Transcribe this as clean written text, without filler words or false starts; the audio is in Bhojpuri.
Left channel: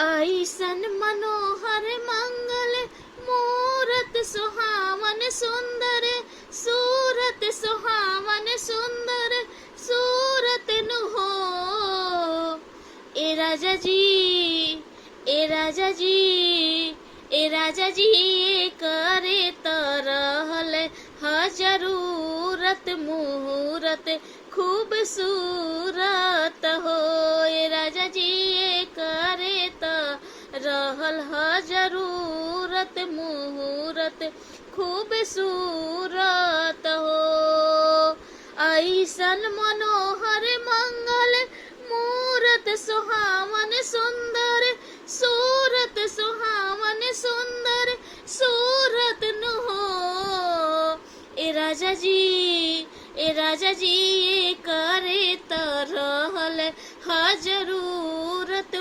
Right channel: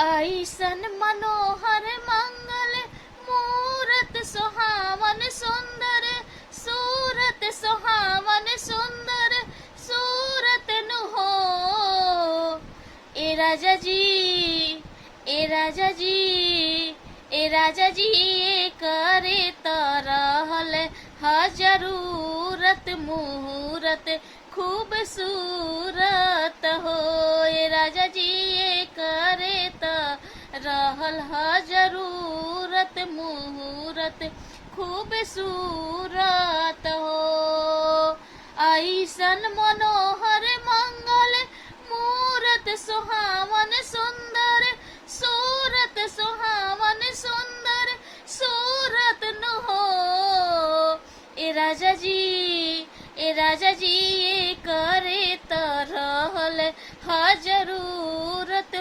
ऐसन मनोहर मंगल मूरत सुहावन सुंदर सूरत सुहावन सुंदर सूरत नु हो। ए राजा जी ए राजा जी ए राजा जी ये करे तरहल जरूरत मुहूर्त खूबसूरत हो। ए राजा जी ये करे रहल जरूरत मुहूर्त खूबसूरत हो। ऐसन मनोहर मंगल मूरत सुहावन सुंदर सूरत सुहावन सुंदर सूरत नु हो। ए राजा जी ये करे तरहल जरूरत